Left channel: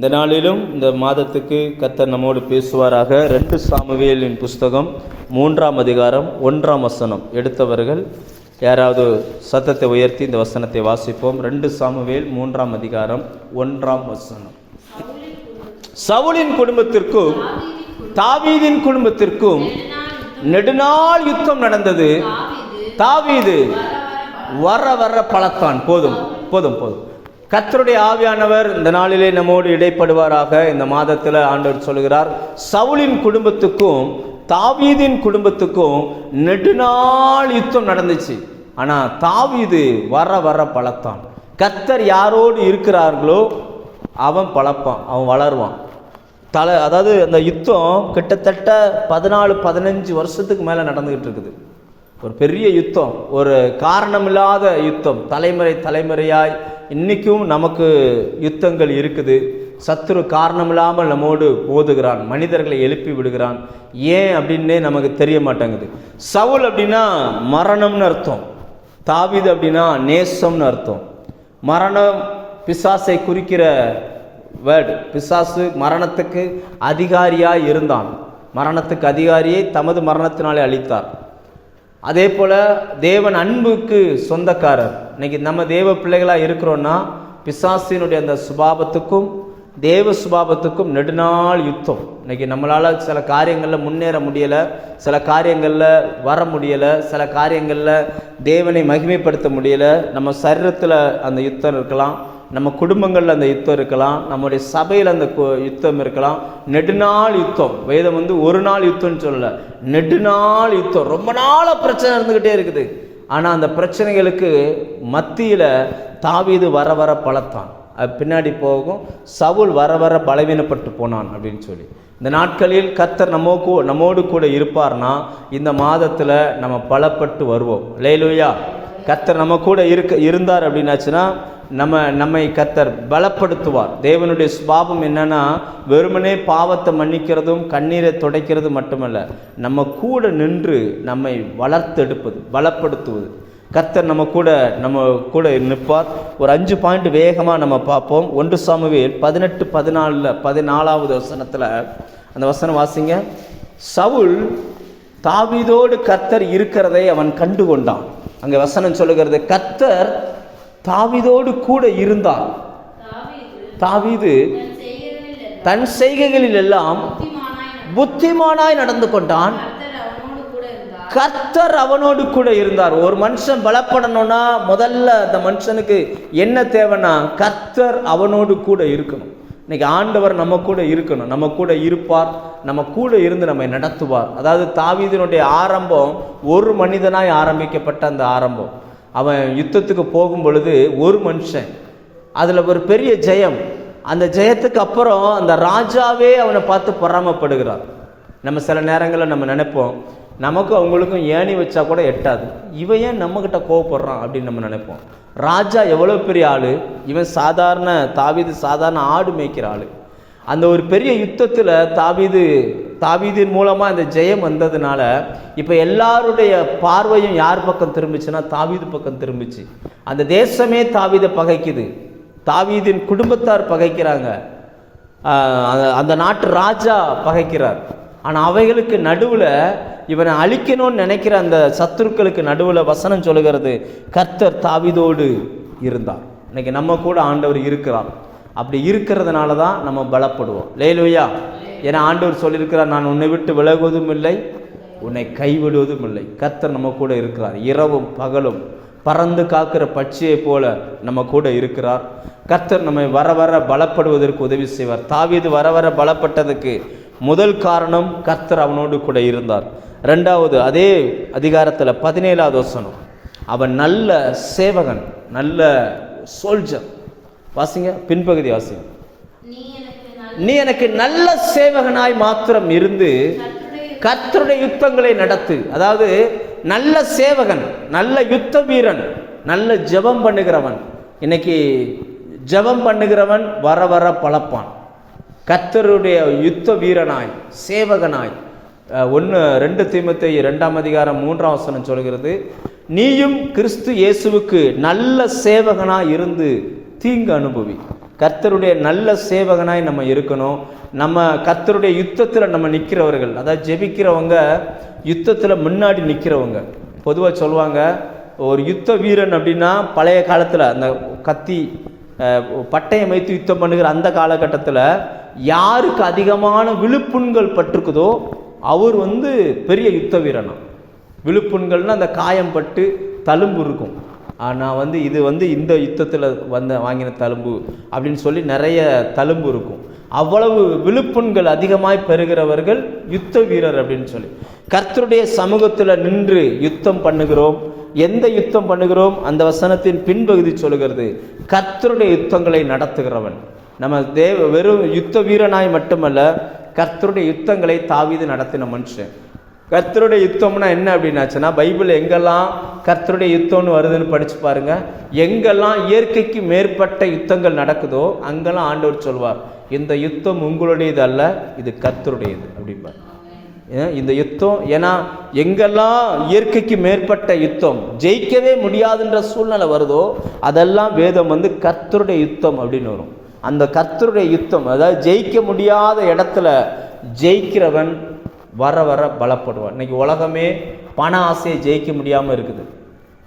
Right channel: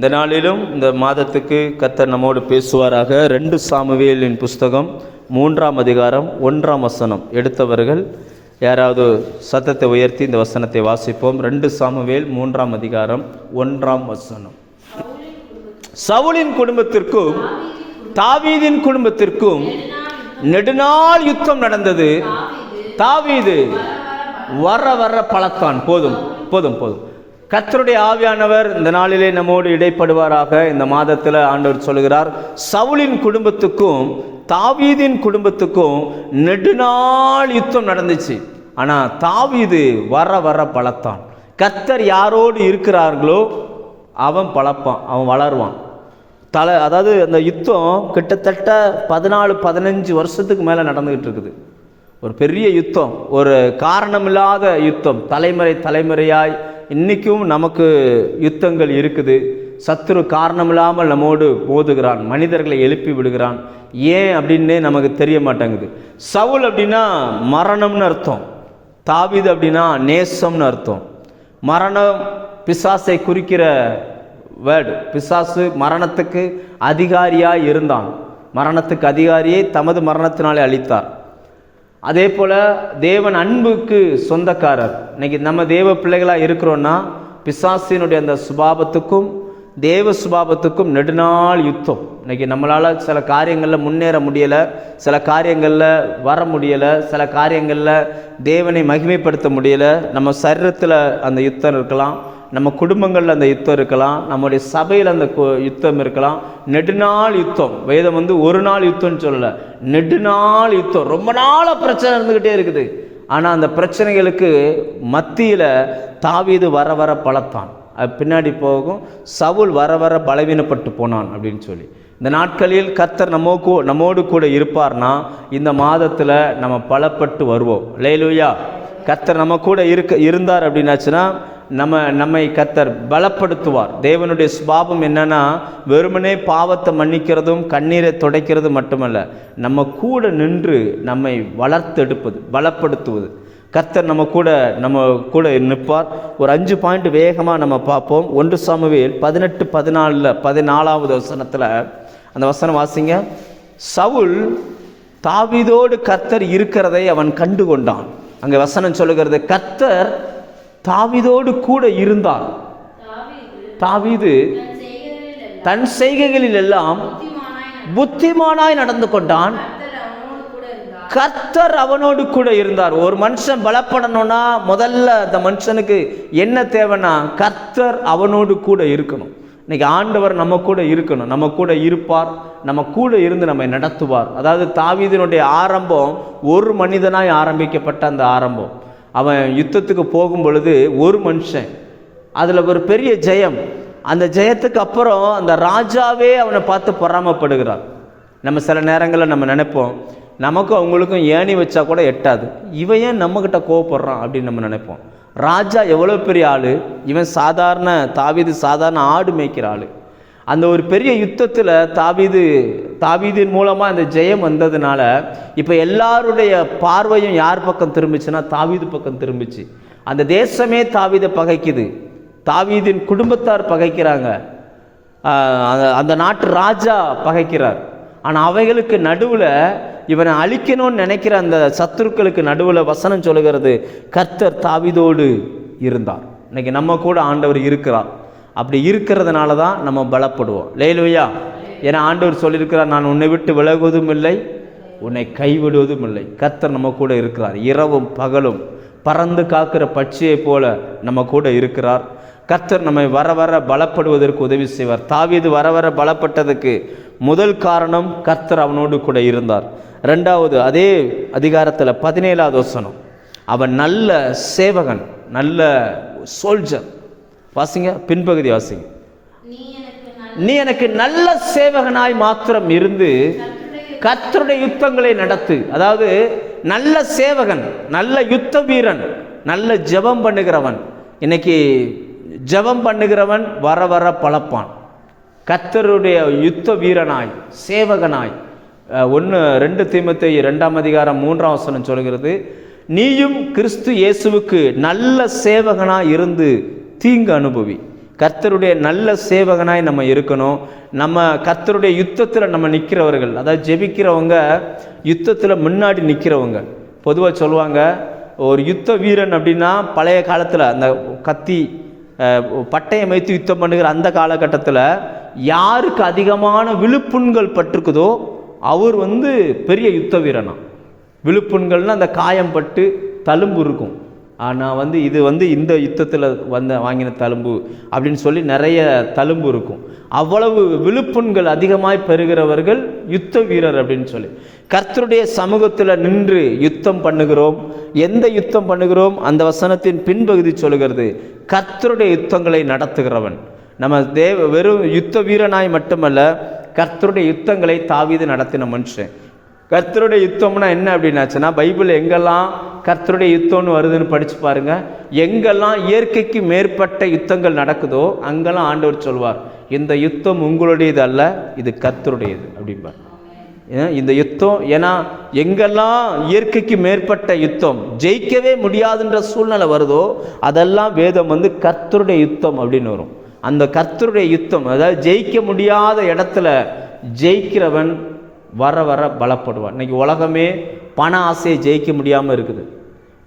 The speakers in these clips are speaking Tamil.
இந்த நாளிலும் இந்த மாதத்துக்கு கத்தர் நம்மோடு பேசுவாராக. ரெண்டு சாமுவேலின் புஸ்தகம் மூன்றாம் அதிகாரம் ஒன்றாம் வசனம். எடுத்தவர்கள் யாராவது சத்தத்தை உயர்த்தி இந்த வசனத்தை வாசிப்போம். ரெண்டு சாமுவேல் மூன்றாம் அதிகாரம் ஒன்றாம் வசனம். சவுலின் குடும்பத்திற்கும் தாவீதின் குடும்பத்திற்கும் நெடுநாள் யுத்தம் நடந்தது. தாவீது வர வர பழத்தான் போதும் போதும் போதும். கத்தருடைய ஆவியானவர் இந்த நாளிலே நம்மோடு இடைப்படுவாராக. இந்த மாதத்தில் ஆண்டவர் சொல்கிறார் சவுலின் குடும்பத்துக்கும் தாவீதின் குடும்பத்துக்கும் நெடுநாள் யுத்தம் நடந்துச்சு. ஆனால் தாவீது வர வர பழத்தான் கர்த்தர் யாரோடு இருக்கிறார்களோ அவன் பழப்பான் அவன் வளருவான். தலை அதாவது அந்த யுத்தம் கிட்டத்தட்ட பதினாலு பதினஞ்சு வருஷத்துக்கு மேலே நடந்துக்கிட்டு இருக்குது. ஒரு பெரிய யுத்தம் ஒரு காரணமில்லாத யுத்தம். தலைமுறை தலைமுறையாய் இன்றைக்கும் நமக்கு யுத்தங்கள் இருக்குது. சத்துரு காரணமில்லாமல் நம்மோடு போதுகிறான். மனிதர்களை எழுப்பி விடுகிறான். ஏன் அப்படின்னே நமக்கு தெரிய மாட்டேங்குது. சவுல் அப்படின்னா மரணம்னு அர்த்தம். தாவிது அப்படின்னா நேசம்னு அர்த்தம். மரணம் பிசாசை குறிக்கிற வேர்டு பிசாசு மரணத்துக்கு அதிகாரியாக இருந்தான். மரணத்துக்கு அதிகாரியை தமது மரணத்தினாலே அளித்தார். அதே போல் தேவன் அன்புக்கு சொந்தக்காரர். இன்னைக்கு நம்ம தேவ பிள்ளைகளாக இருக்கிறோன்னா பிசாசினுடைய அந்த சுபாபத்துக்கும் தேவ சுபாபத்துக்கும் நெடுநாள் யுத்தம். இன்னைக்கு நம்மளால் சில காரியங்களில் முன்னேற முடியலை சில காரியங்களில் வர முடியலை சில காரியங்களில் தேவனை மகிமைப்படுத்த முடியலை. நம்ம சரீரத்தில் அந்த யுத்தம் இருக்கலாம் நம்ம குடும்பங்களில் அந்த யுத்தம் இருக்கலாம் நம்முடைய சபையில் அந்த கு- யுத்தம் இருக்கலாம். நெடுநாள் யுத்தம். வேதம் வந்து ஒரு நாள் யுத்தம்னு சொல்லலை. நெடுநாள் யுத்தம். ரொம்ப நாளாக பிரச்சனை இருந்துக்கிட்டே இருக்குது. ஆனால் அந்த பிரச்சனைகளுக்கு மத்தியில் தாவீது வர வர பலத்தான். அது பின்னாடி போகும். சவுல் வர வர பலவீனப்பட்டு போனான் அப்படின்னு சொல்லி. இந்த நாட்களில் கர்த்தர் நம்ம கூ- நம்மோடு கூட இருப்பார்னா இந்த மாதத்தில் நம்ம பலப்பட்டு வருவோம். லேலுயா கத்தர் நம்ம கூட இருக்க இருந்தார் அப்படின்னாச்சுன்னா நம்ம நம்மை கத்தர் பலப்படுத்துவார். தேவனுடைய சுபாவம் என்னன்னா வெறுமனே பாவத்தை மன்னிக்கிறதும் கண்ணீரை துடைக்கிறது மட்டுமல்ல நம்ம கூட நின்று நம்மை வளர்த்தெடுப்பது பலப்படுத்துவது. கத்தர் நம்ம கூட நம்ம கூட நிற்பார். ஒரு அஞ்சு பாயிண்ட் வேகமாக நம்ம பார்ப்போம். ஒன்று சாமுவேல் பதினெட்டு பதினாலில் பதினாலாவது வசனத்தில் அந்த வசனம் வாசிங்க. சவுல் தாவிதோடு கத்தர் இருக்கிறதை அவன் கண்டு கொண்டான் அங்கே வசனம் சொல்லுகிறது கத்தர் தாவீதோடு கூட இருந்தார். தாவிது தன் செய்கைகளில் எல்லாம் புத்திமானாய் நடந்து கொண்டான். கர்த்தர் அவனோடு கூட இருந்தார். ஒரு மனுஷன் பலப்படணும்னா முதல்ல அந்த மனுஷனுக்கு என்ன தேவைன்னா கர்த்தர் அவனோடு கூட இருக்கணும். இன்னைக்கு ஆண்டவர் நம்ம கூட இருக்கணும். நம்ம கூட இருப்பார். நம்ம கூட இருந்து நம்மை நடத்துவார். அதாவது தாவீதினுடைய ஆரம்பம் ஒரு மனிதனாய் ஆரம்பிக்கப்பட்ட அந்த ஆரம்பம். அவன் யுத்தத்துக்கு போகும் பொழுது ஒரு மனுஷன் அதில் ஒரு பெரிய ஜெயம். அந்த ஜெயத்துக்கு அப்புறம் அந்த ராஜாவே அவனை பார்த்து பொறாமப்படுகிறார். நம்ம சில நேரங்களில் நம்ம நினைப்போம் நமக்கும் அவங்களுக்கும் ஏணி வச்சா கூட எட்டாது. இவன் ஏன் நம்மக்கிட்ட கோவப்படுறான் அப்படின்னு நம்ம நினைப்போம். ராஜா எவ்வளோ பெரிய ஆள்? இவன் சாதாரண தாவீது சாதாரண ஆடு மேய்க்கிற ஆள். அந்த ஒரு பெரிய யுத்தத்தில் தாவீது தாவீதின் மூலமாக அந்த ஜெயம் வந்ததுனால இப்போ எல்லாருடைய பார்வையும் யார் பக்கம் திரும்பிச்சுன்னா தாவீது பக்கம் திரும்பிச்சு. அந்த தேசமே தாவீதை பகைக்குது. தாவீதின் குடும்பத்தார் பகைக்கிறாங்க. அந்த- நாட்டு ராஜா பகைக்கிறார். ஆனால் அவைகளுக்கு நடுவில் இவனை அழிக்கணும்னு நினைக்கிற அந்த சத்துருக்களுக்கு நடுவில் வசனம் சொல்லுகிறது கர்த்தர் தாவிதோடு இருந்தார். இன்னைக்கு நம்ம கூட ஆண்டவர் இருக்கிறார். அப்படி இருக்கிறதுனால தான் நம்ம பலப்படுவோம். லேலுயா. ஏன்னா ஆண்டவர் சொல்லியிருக்கிறார் நான் உன்னை விட்டு விலகுவதும் இல்லை உன்னை கைவிடுவதும் இல்லை. கத்தர் நம்ம கூட இருக்கிறார். இரவும் பகலும் பறந்து காக்கிற பட்சியைப் போல நம்ம கூட இருக்கிறார். கத்தர் நம்மை வர வர பலப்படுவதற்கு உதவி செய்வார். தாவீது வர வர பலப்பட்டதுக்கு முதல் காரணம் கர்த்தர் அவனோடு கூட இருந்தார். ரெண்டாவது அதே அதிகாரத்தில் பதினேழாவது வசனம். அவன் நல்ல சேவகன் நல்ல சோல்ஜர் வாசிங்க பின்பகுதி வாசிங்க. நீ எனக்கு நல்ல சேவகனாய் மாத்திரம் இருந்து கர்த்தருடைய யுத்தங்களை நடத்து. அதாவது நல்ல சேவகன் நல்ல யுத்த வீரன் நல்ல ஜெபம் பண்ணுகிறவன். இன்னைக்கு ஜெபம் பண்ணுகிறவன் வர வர பழப்பான். கர்த்தருடைய யுத்த வீரனாய் சேவகனாய் ஒன்று ரெண்டு தீமத்தை ரெண்டாம் அதிகாரம் மூன்றாம் வசனம் சொல்கிறது நீயும் கிறிஸ்து இயேசுவுக்கு நல்ல சேவகனாய் இருந்து தீங்கு அனுபவி. கர்த்தருடைய நல்ல சேவகனாய் நம்ம இருக்கணும். நம்ம கர்த்தருடைய யுத்தத்தில் நம்ம நிற்கிறவர்கள் அதாவது ஜெபிக்கிறவங்க யுத்தத்தில் முன்னாடி நிற்கிறவங்க பொதுவாக சொல்லுவாங்க ஒரு யுத்த வீரன் அப்படின்னா பழைய காலத்தில் அந்த கத்தி பட்டயம் வைத்து யுத்தம் பண்ணுகிற அந்த காலகட்டத்தில் யாருக்கு அதிகமான விழுப்புண்கள் பட்டிருக்குதோ அவர் வந்து பெரிய யுத்த வீரனா. விழுப்புண்கள்னால் அந்த காயம் பட்டு தழும்பு இருக்கும். ஆனால் வந்து இது வந்து இந்த யுத்தத்தில் வந்த வாங்கின தழும்பு அப்படின்னு சொல்லி நிறைய தழும்பு இருக்கும். அவ்வளவு விழுப்புண்கள் அதிகமாய் பெறுகிறவர்கள் யுத்த வீரர் அப்படின்னு சொல்லி. கர்த்தருடைய சமூகத்தில் நின்று யுத்தம் பண்ணுகிறோம். எந்த யுத்தம் பண்ணுகிறோம்? அந்த வசனத்தின் பின்பகுதி சொல்கிறது கர்த்தருடைய யுத்தங்களை நடத்துகிறவன். நம்ம தேவ வெறும் யுத்த வீரனாய் மட்டுமல்ல கர்த்தருடைய யுத்தங்களை தாவிது நடத்தின மனுஷன். கர்த்தருடைய யுத்தம்னா என்ன அப்படின்னாச்சுன்னா பைபிள் எங்கெல்லாம் கர்த்தருடைய யுத்தம்னு வருதுன்னு படித்து பாருங்க. எங்கெல்லாம் இயற்கைக்கு மேற்பட்ட யுத்தங்கள் நடக்குதோ அங்கெல்லாம் ஆண்டவர் சொல்வார் இந்த யுத்தம் உங்களுடையது அல்ல இது கர்த்தருடையது. அப்படிம்பார். இந்த யுத்தம் ஏன்னா எங்கெல்லாம் இயற்கைக்கு மேற்பட்ட யுத்தம் ஜெயிக்கவே முடியாதுன்ற சூழ்நிலை வருதோ அதெல்லாம் வேதம் வந்து கர்த்தருடைய யுத்தம் அப்படின்னு வரும். அந்த கர்த்தருடைய யுத்தம் அதாவது ஜெயிக்க முடியாத இடத்துல ஜெயிக்கிறவன் வர வர பலப்படுவான். இன்னைக்கு உலகமே பண ஆசையை ஜெயிக்க முடியாமல் இருக்குது.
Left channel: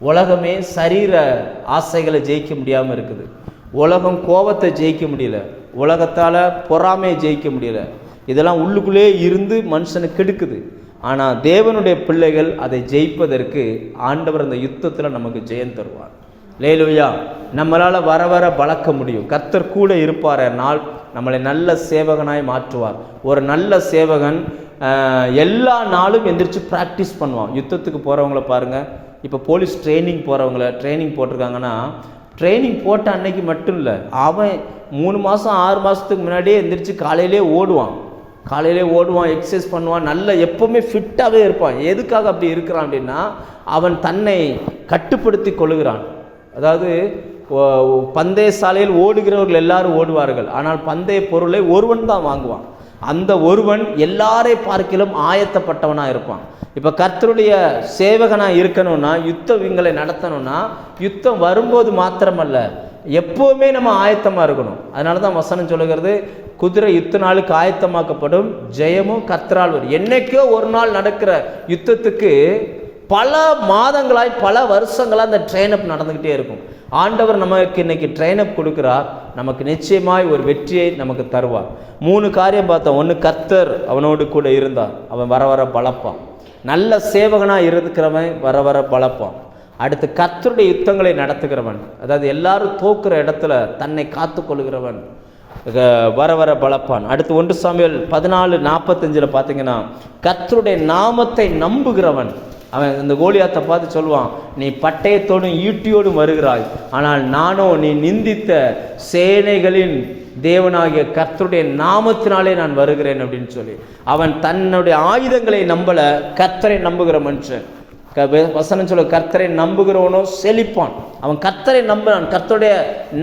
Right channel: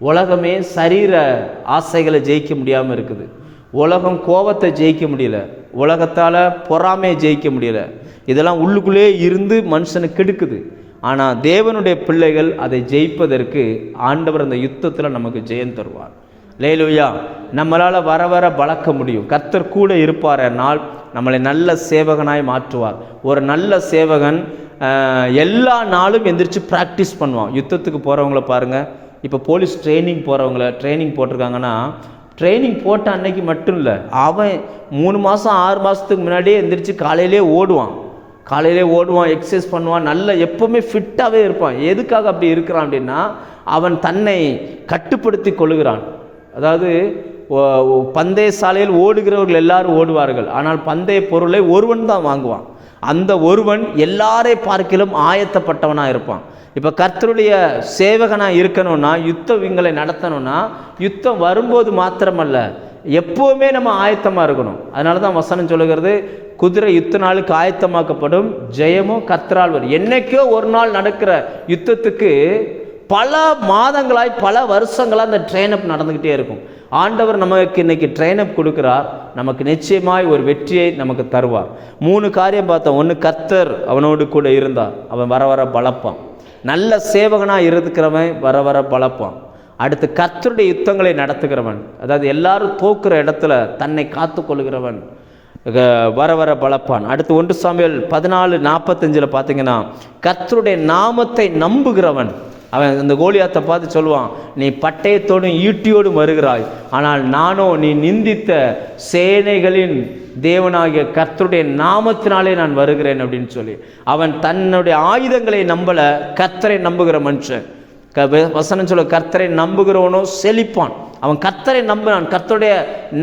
உலகமே சரீர ஆசைகளை ஜெயிக்க முடியாமல் இருக்குது. உலகம் கோபத்தை ஜெயிக்க முடியல. உலகத்தால் பொறாமையை ஜெயிக்க முடியல. இதெல்லாம் உள்ளுக்குள்ளே இருந்து மனுஷனை கெடுக்குது. ஆனால் தேவனுடைய பிள்ளைகள் அதை ஜெயிப்பதற்கு ஆண்டவர் அந்த யுத்தத்தில் நமக்கு ஜெயம் தருவார். லேலுவையா நம்மளால் வர வர வளர்க்க முடியும். கர்த்தர் கூட இருப்பார். நாள் நம்மளை நல்ல சேவகனாய் மாற்றுவார். ஒரு நல்ல சேவகன் எல்லா நாளும் எந்திரிச்சு ப்ராக்டிஸ் பண்ணுவான். யுத்தத்துக்கு போகிறவங்கள பாருங்கள் இப்போ போலீஸ் ட்ரைனிங் போகிறவங்கள ட்ரைனிங் போட்டிருக்காங்கன்னா ட்ரைனிங் போட்ட அன்னைக்கு மட்டும் இல்லை அவன் மூணு மாதம் ஆறு மாதத்துக்கு முன்னாடியே எந்திரிச்சு காலையிலே ஓடுவான். காலையிலே ஓடுவான் எக்ஸசைஸ் பண்ணுவான் நல்ல எப்போவுமே ஃபிட்டாகவே இருப்பான். எதுக்காக அப்படி இருக்கிறான் அப்படின்னா அவன் தன்னை கட்டுப்படுத்தி கொள்கிறான். அதாவது பந்தய சாலையில் ஓடுகிறவர்கள் எல்லாரும் ஓடுவார்கள். ஆனால் பந்தய பொருளை ஒருவன் தான் வாங்குவான். அந்த ஒருவன் எல்லாரை பார்க்கிலும் ஆயத்தப்பட்டவனாக இருப்பான். இப்போ கர்த்தருடைய சேவகனாக இருக்கணும்னா யுத்தம் இவங்களை நடத்தணும்னா யுத்தம் வரும்போது மாத்திரமல்ல எப்போவுமே நம்ம ஆயத்தமாக இருக்கணும். அதனால தான் வசனம் சொல்லுகிறது குதிரை யுத்த நாளுக்கு ஆயத்தமாக்கப்படும் ஜெயமும் கர்த்தரால் வரும். என்னைக்கோ ஒரு நாள் நடக்கிற யுத்தத்துக்கு பல மாதங்களாய் பல வருஷங்களாக அந்த ட்ரெயினப் நடந்துக்கிட்டே இருக்கும். ஆண்டவர் நமக்கு இன்னைக்கு ட்ரெயினப் கொடுக்குறார். நமக்கு நிச்சயமாய் ஒரு வெற்றியை நமக்கு தருவார். மூணு காரியம் பார்த்தோம். ஒன்று கர்த்தர் அவனோடு கூட இருந்தார். அவன் வர வர பழப்பான் நல்ல சேவகனாக இருக்கிறவன் வர வர பழப்பான் அடுத்து கர்த்தருடைய யுத்தங்களை நடத்துகிறவன். அதாவது எல்லாரும் தோக்குற இடத்துல தன்னை காத்து கொள்கிறவன் வர வர பலப்பான். அடுத்து ஒன்று சாமியல் பதினாலு நாற்பத்தஞ்சில் பார்த்தீங்கன்னா கர்த்தருடைய நாமத்தை நம்புகிறவன். அவன் அந்த கோலியாத்தை பார்த்து சொல்லுவான் நீ பட்டயத்தோடும் ஈட்டியோடும் வருகிறாய். ஆனால் நானோ நீ நிந்தித்த சேனைகளின் தேவனாகிய கர்த்தருடைய நாமத்தினாலே நான் வருகிறேன் அப்படின்னு சொல்லி. அவன் தன்னுடைய ஆயுதங்களை நம்பல கர்த்தரை நம்புகிற மனுஷன். வசனம் சொல்ல கர்த்தரை நம்புகிறவனோ செழிப்பான். அவன் கர்த்தரை நம்பினான் கர்த்தருடைய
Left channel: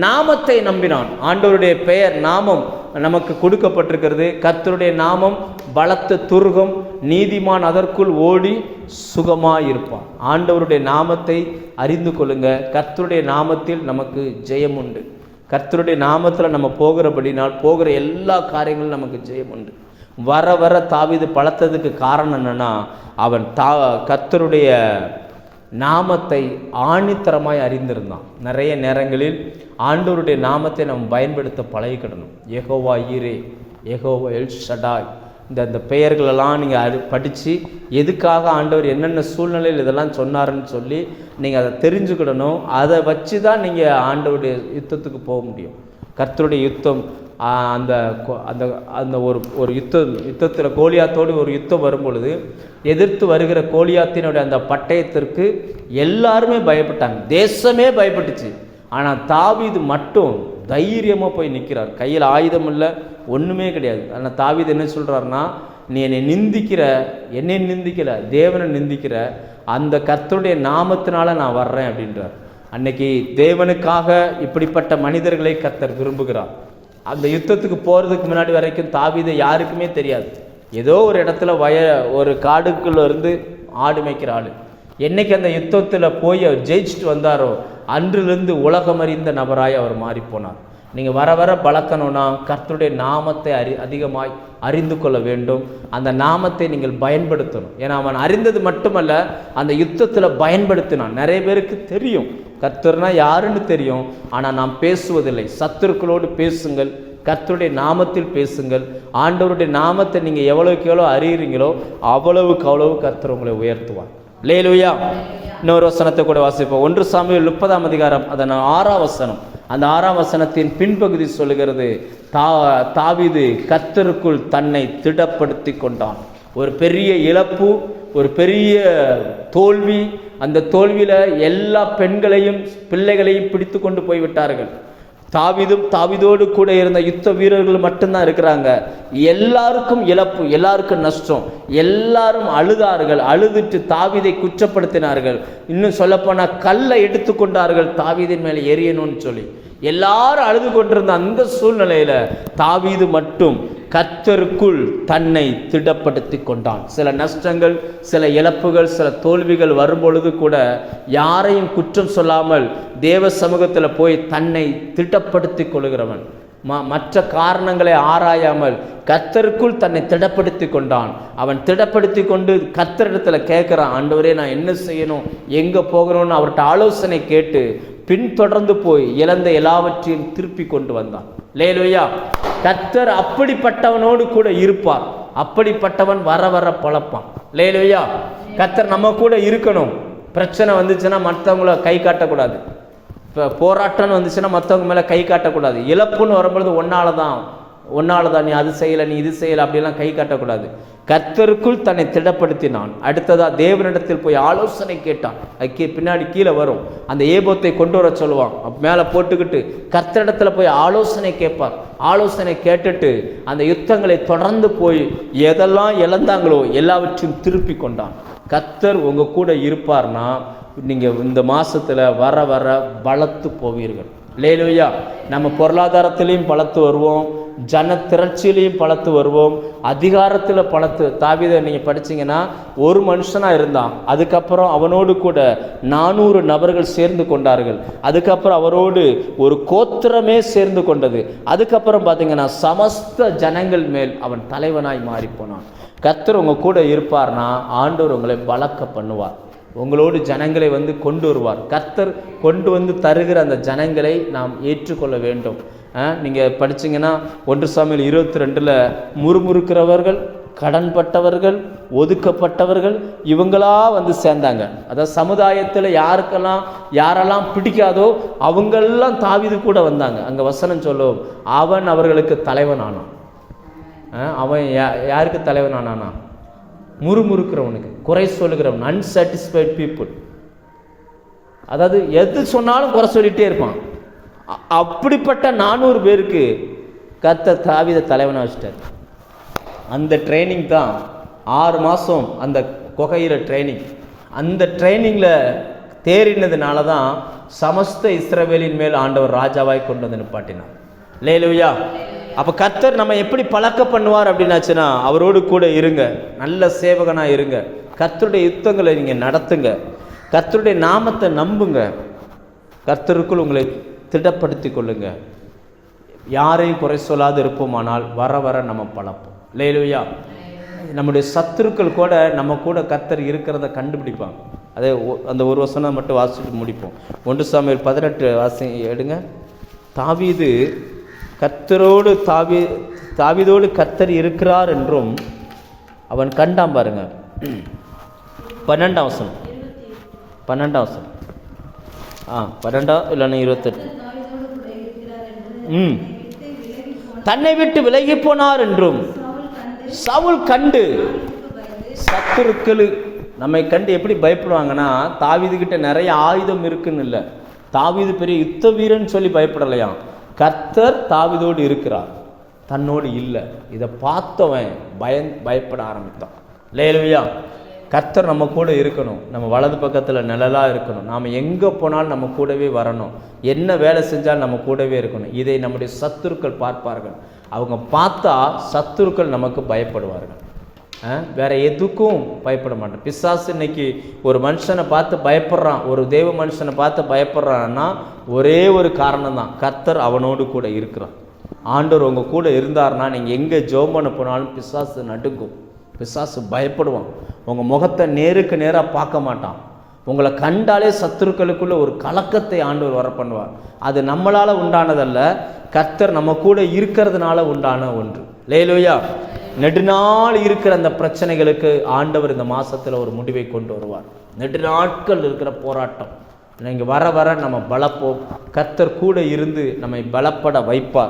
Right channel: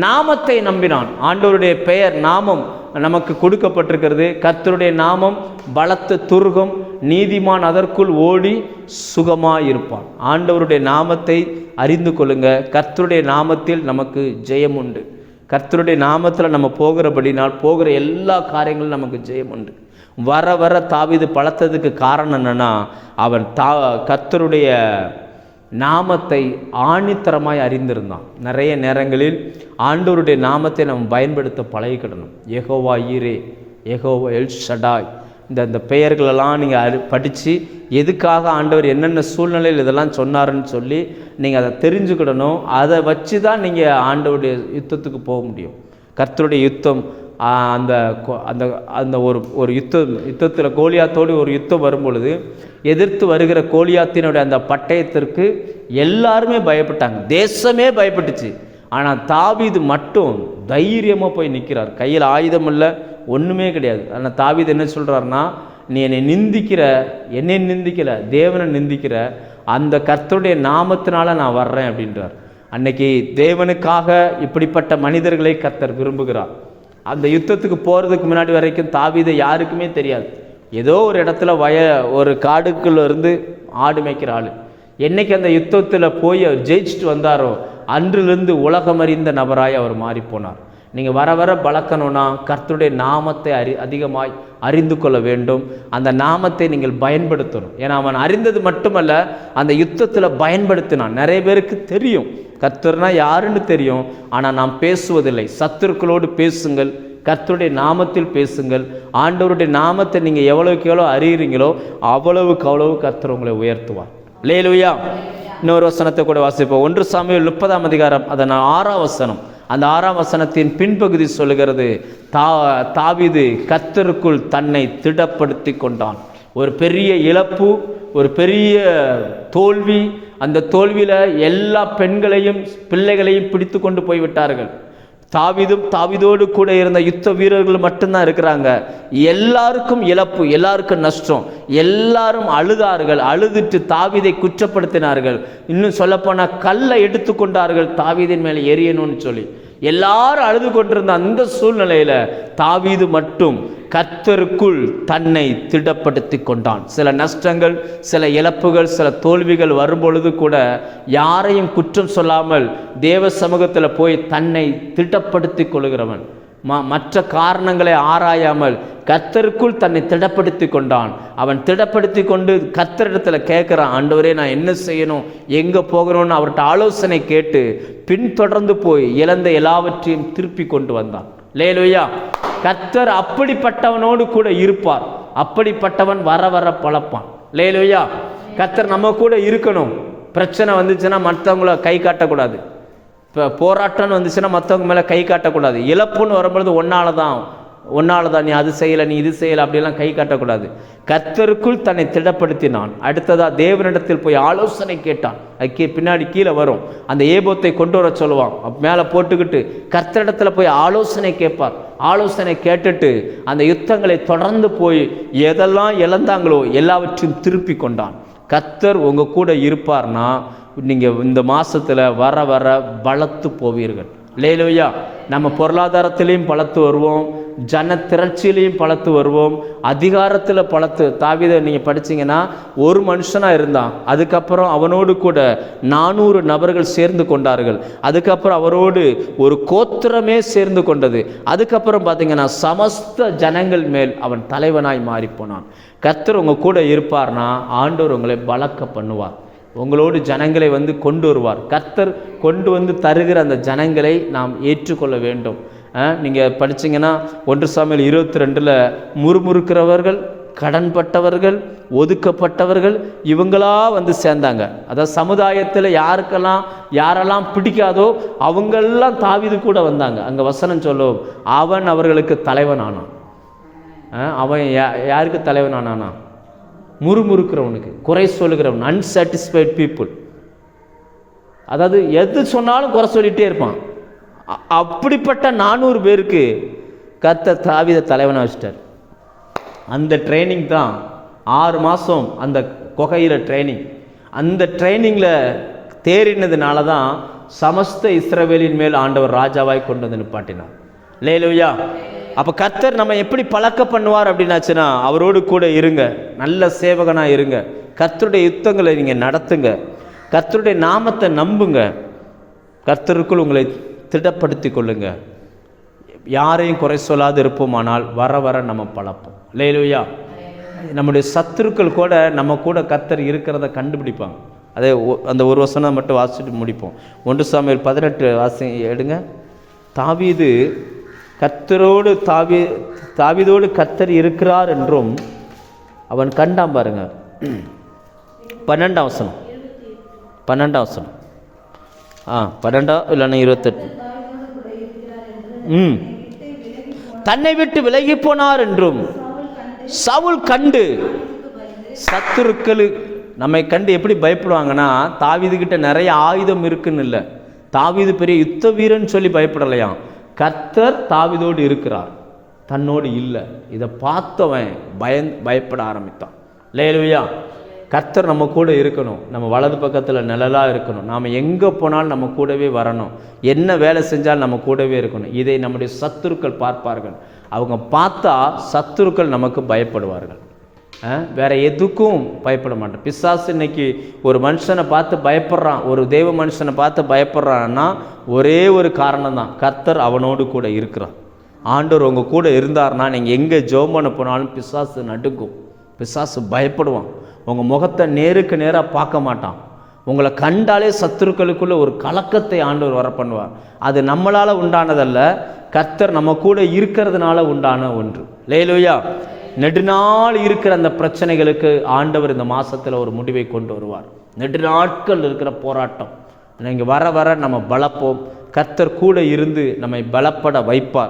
நாமத்தை நம்பினான். ஆண்டவருடைய பெயர் நாமம் நமக்கு கொடுக்கப்பட்டிருக்கிறது. கர்த்தருடைய நாமம் பலத்த துருகம் நீதிமான் அதற்குள் ஓடி சுகமாக இருப்பான் ஆண்டவருடைய நாமத்தை அறிந்து கொள்ளுங்க. கர்த்தருடைய நாமத்தில் நமக்கு ஜெயம் உண்டு கர்த்தருடைய நாமத்தில் நம்ம போகிறபடினால் போகிற எல்லா காரியங்களும் நமக்கு ஜெயம் உண்டு வர வர தாவீது பழத்ததுக்கு காரணம் என்னென்னா அவன் தா கர்த்தருடைய நாமத்தை ஆணித்தரமாய் அறிந்திருந்தான். நிறைய நேரங்களில் ஆண்டவருடைய நாமத்தை நம்ம பயன்படுத்த பழகிக்கிடணும். எகோவா ஈரே எகோவா எல் ஷடாய். இந்த இந்த பெயர்களெல்லாம் நீங்கள் அறி படித்து எதுக்காக ஆண்டவர் என்னென்ன சூழ்நிலையில் இதெல்லாம் சொன்னாருன்னு சொல்லி நீங்கள் அதை தெரிஞ்சுக்கிடணும். அதை வச்சு தான் நீங்கள் ஆண்டவருடைய யுத்தத்துக்கு போக முடியும். கர்த்தருடைய யுத்தம் அந்த அந்த அந்த ஒரு ஒரு யுத்தம் யுத்தத்தில் கோலியாத்தோடு ஒரு யுத்தம் வரும் பொழுது எதிர்த்து வருகிற கோலியாத்தினுடைய அந்த பட்டயத்திற்கு எல்லாருமே பயப்பட்டாங்க. தேசமே பயப்பட்டுச்சு. ஆனால் தாவீது மட்டும் தைரியமாக போய் நிற்கிறார் கையில் ஆயுதம் இல்லை ஒன்றுமே கிடையாது. ஆனால் தாவீது என்ன சொல்கிறாருன்னா நீ என்னை நிந்திக்கிற என்னை நிந்திக்கல தேவனை நிந்திக்கிற அந்த கர்த்தருடைய நாமத்தினால நான் வர்றேன் அப்படின்றார். அன்னைக்கு தேவனுக்காக இப்படிப்பட்ட மனிதர்களை கர்த்தர் விரும்புகிறார். அந்த யுத்தத்துக்கு போகிறதுக்கு முன்னாடி வரைக்கும் தாவீதை யாருக்குமே தெரியாது. ஏதோ ஒரு இடத்துல வய ஒரு காடுக்குள்ள இருந்து ஆடு மேய்க்கிற ஆள். என்னைக்கு அந்த யுத்தத்தில் போய் அவர் ஜெயிச்சுட்டு வந்தாரோ அன்றிலிருந்து உலகமறிந்த நபராய் அவர் மாறிப்போனார் நீங்கள் வர வர பழக்கணும்னா கர்த்தருடைய நாமத்தை அறி அதிகமாய் அறிந்து கொள்ள வேண்டும். அந்த நாமத்தை நீங்கள் பயன்படுத்தணும். ஏன்னா அவன் அறிந்தது மட்டுமல்ல அந்த யுத்தத்தில் பயன்படுத்தினான். நிறைய பேருக்கு தெரியும். கர்த்தர்னா யாருன்னு தெரியும். ஆனால் நாம் பேசுவதில்லை. சத்துருக்களோடு பேசுங்கள். கர்த்தருடைய நாமத்தில் பேசுங்கள். ஆண்டவருடைய நாமத்தை நீங்கள் எவ்வளவுக்கு எவ்வளோ அறிகிறீங்களோ அவ்வளவுக்கு அவ்வளவு கர்த்தர் உங்களை உயர்த்துவார். லேலுயா இன்னொரு வசனத்தை கூட வாசிப்போம். ஒன்று சாமியில் முப்பதாம் அதிகாரம் அதன் ஆறாம் வசனம். அந்த ஆறாம் வசனத்தின் பின்பகுதி சொல்லுகிறது தா தாவிது கத்தருக்குள் தன்னை திடப்படுத்தி கொண்டான். ஒரு பெரிய இழப்பு ஒரு பெரிய தோல்வி அந்த தோல்வியில் எல்லா பெண்களையும் பிள்ளைகளையும் பிடித்து கொண்டு போய்விட்டார்கள். தாவிதும் தாவிதோடு கூட இருந்த யுத்த வீரர்கள் மட்டும்தான் இருக்கிறாங்க. எல்லாருக்கும் இழப்பு எல்லாருக்கும் நஷ்டம். எல்லாரும் அழுதார்கள் அழுதுட்டு தாவிதை குற்றப்படுத்தினார்கள். இன்னும் சொல்லப்போனால் கல்லை எடுத்துக்கொண்டார்கள் தாவீதின் மேலே எரியணும்னு சொல்லி. எல்லாரும் அழுது கொண்டிருந்த அந்த சூழ்நிலையில் தாவீது மட்டும் கத்தருக்குள் தன்னை திடப்படுத்தி கொண்டான். சில நஷ்டங்கள் சில இழப்புகள் சில தோல்விகள் வரும்பொழுது கூட யாரையும் குற்றம் சொல்லாமல் தேவ சமூகத்தில் போய் தன்னை திட்டப்படுத்தி கொள்கிறவன் மற்ற காரணங்களை ஆராயாமல் கர்த்தருக்குள் தன்னை திடப்படுத்தி கொண்டான் அவன் திடப்படுத்தி கொண்டு கத்தரிடத்தில் கேட்குறான் ஆண்டவரே நான் என்ன செய்யணும்? எங்கே போகணும்னு அவர்கிட்ட ஆலோசனை கேட்டு பின்தொடர்ந்து போய் இழந்த எல்லாவற்றையும் திருப்பி கொண்டு வந்தான். லேலுவையா கர்த்தர் அப்படிப்பட்டவனோடு கூட இருப்பார். அப்படிப்பட்டவன் வர வர பழப்பான். லேலுவையா கர்த்தர் நம்ம கூட இருக்கணும். பிரச்சனை வந்துச்சுன்னா மற்றவங்கள கை காட்டக்கூடாது. இப்போ போராட்டம்னு வந்துச்சுன்னா மற்றவங்க மேலே கை காட்டக்கூடாது. இழப்புன்னு வரும்பொழுது ஒன்றால் தான் ஒன்னால தான் நீ அது செய்யலை நீ இது செய்யலை அப்படிலாம் கை காட்டக்கூடாது. கர்த்தருக்குள் தன்னை திடப்படுத்தினான். அடுத்ததா தேவனிடத்தில் போய் ஆலோசனை கேட்டான். அதுக்கு பின்னாடி கீழே வரும். அந்த ஏபோத்தை கொண்டு வர சொல்லுவான். மேலே போட்டுக்கிட்டு கத்தரிடத்தில் போய் ஆலோசனை கேட்பார். ஆலோசனை கேட்டுட்டு அந்த யுத்தங்களை தொடர்ந்து போய் எதெல்லாம் இழந்தாங்களோ எல்லாவற்றையும் திருப்பி கொண்டான். கர்த்தர் உங்க கூட இருப்பார்னா நீங்கள் இந்த மாதத்தில் வர வர வளர்த்து போவீர்கள். லேலுயா நம்ம பொருளாதாரத்திலையும் பலத்து வருவோம். ஜன திரட்சியிலையும் பலத்து வருவோம். அதிகாரத்தில் பலத்து தாவிதை நீங்கள் படிச்சீங்கன்னா ஒரு மனுஷனாக இருந்தான். அதுக்கப்புறம் அவனோடு கூட நானூறு நபர்கள் சேர்ந்து கொண்டார்கள். அதுக்கப்புறம் அவரோடு ஒரு கோத்திரமே சேர்ந்து கொண்டது. அதுக்கப்புறம் பார்த்தீங்கன்னா சமஸ்த ஜனங்கள் மேல் அவன் தலைவனாய் மாறிப்போனான். கர்த்தர் உங்கள் கூட இருப்பார்னா ஆண்டவர் உங்களை பழக்க பண்ணுவார். உங்களோடு ஜனங்களை வந்து கொண்டு வருவார். கர்த்தர் கொண்டு வந்து தருகிற அந்த ஜனங்களை நாம் ஏற்றுக்கொள்ள வேண்டும். நீங்கள் படிச்சீங்கன்னா ஒன்று சாமியில் இருபத்தி ரெண்டில் முறுமுறுக்கிறவர்கள் கடன்பட்டவர்கள் ஒதுக்கப்பட்டவர்கள் இவங்களா வந்து சேர்ந்தாங்க. அதாவது சமுதாயத்தில் யாருக்கெல்லாம் யாரெல்லாம் பிடிக்காதோ அவங்கெல்லாம் தாவிது கூட வந்தாங்க. அங்கே வசனம் சொல்லும் அவன் அவர்களுக்கு தலைவனானான். ஆ, அவன் யா- யாருக்கு தலைவனானானா? முறுமுறுக்கிறவனுக்கு குறை சொல்லுகிறவன் அன்சாட்டிஸ்ஃபைட் பீப்புள் அதாவது எது சொன்னாலும் குறை சொல்லிகிட்டே இருப்பான். அப்படிப்பட்ட நானூறு பேருக்கு கத்த தாவித தலைவனாக வச்சிட்டார். அந்த ட்ரைனிங் தான் ஆறு மாதம் அந்த கொகையில் ட்ரைனிங் அந்த ட்ரைனிங்கில் தேறினதுனால தான் சமஸ்த இஸ்ரவேலின் மேல் ஆண்டவர் ராஜாவாய் கொண்டு வந்து நிப்பாட்டினார். லேலுயா அப்போ கர்த்தர் நம்ம எப்படி பழக்க பண்ணுவார் அப்படின்னாச்சுன்னா அவரோடு கூட இருங்க. நல்ல சேவகனாக இருங்க. கர்த்தருடைய யுத்தங்களை நீங்கள் நடத்துங்க. கர்த்தருடைய நாமத்தை நம்புங்க. கர்த்தருக்குள் உங்களை திடப்படுத்தி கொள்ளுங்க. யாரையும் குறை சொல்லாது இருப்போமானால் வர வர நம்ம பழப்போம். லேலுயா நம்முடைய சத்துருக்கள் கூட நம்ம கூட கர்த்தர் இருக்கிறத கண்டுபிடிப்பாங்க. அதே ஒ- அந்த ஒரு வசனம் மட்டும் வாசிட்டு முடிப்போம். ஒன்று சாமியில் பதினெட்டு வாசி எடுங்க. தாவீது கத்தரோடு தாவி தாவிதோடு கத்தர் இருக்கிறார் என்றும் அவன் கண்டான் பாருங்க. பன்னெண்டாம் வசனம். பன்னெண்டாம் வசனம். ஆ பன்னெண்டா இல்லைன்னா இருபத்தெட்டு. ம். தன்னை விட்டு விலகி போனார் என்றும் சவுல் கண்டு சத்துருக்கள் நம்மை கண்டு எப்படி பயப்படுவாங்கன்னா தாவிது கிட்ட நிறைய ஆயுதம் இருக்குன்னு இல்லை. தாவிது பெரிய யுத்த வீரன் சொல்லி பயப்படலையாம். கர்த்தர் தாவிதோடு இருக்கிறார். தன்னோடு இல்லை. இதை பார்த்தவன் பயன் பயப்பட ஆரம்பித்தான். இல்லையா கர்த்தர் நம்ம கூட இருக்கணும். நம்ம வலது பக்கத்தில் நிழலாக இருக்கணும். நாம் எங்கே போனாலும் நம்ம கூடவே வரணும். என்ன வேலை செஞ்சாலும் நம்ம கூடவே இருக்கணும். இதை நம்முடைய சத்துருக்கள் பார்ப்பார்கள். அவங்க பார்த்தா சத்துருக்கள் நமக்கு பயப்படுவார்கள். வேற எதுக்கும் பயப்பட மாட்டான். பிசாசு இன்னைக்கு ஒரு மனுஷனை பார்த்து பயப்படுறான். ஒரு தெய்வ மனுஷனை பார்த்து பயப்படுறான்னா ஒரே ஒரு காரணம் தான் கர்த்தர் அவனோடு கூட இருக்கிறான் ஆண்டவர் உங்கள் கூட இருந்தார்னா நீங்கள் எங்கே ஜெபம் பண்ண போனாலும் பிசாசு நடுக்கும் பிசாசு பயப்படுவான். உங்கள் முகத்தை நேருக்கு நேராக பார்க்க மாட்டான். உங்களை கண்டாலே சத்துருக்களுக்குள்ள ஒரு கலக்கத்தை ஆண்டவர் வர பண்ணுவார். அது நம்மளால் உண்டானதல்ல கர்த்தர் நம்ம கூட இருக்கிறதுனால உண்டான ஒன்று. லேலுயா. நெடுநாள் இருக்கிற அந்த பிரச்சனைகளுக்கு ஆண்டவர் இந்த மாசத்துல ஒரு முடிவை கொண்டு வருவார். நெடுநாட்கள் இருக்கிற போராட்டம். நீங்கள் வர வர நம்ம பலப்போம். கர்த்தர் கூட இருந்து நம்மை பலப்பட வைப்பார்.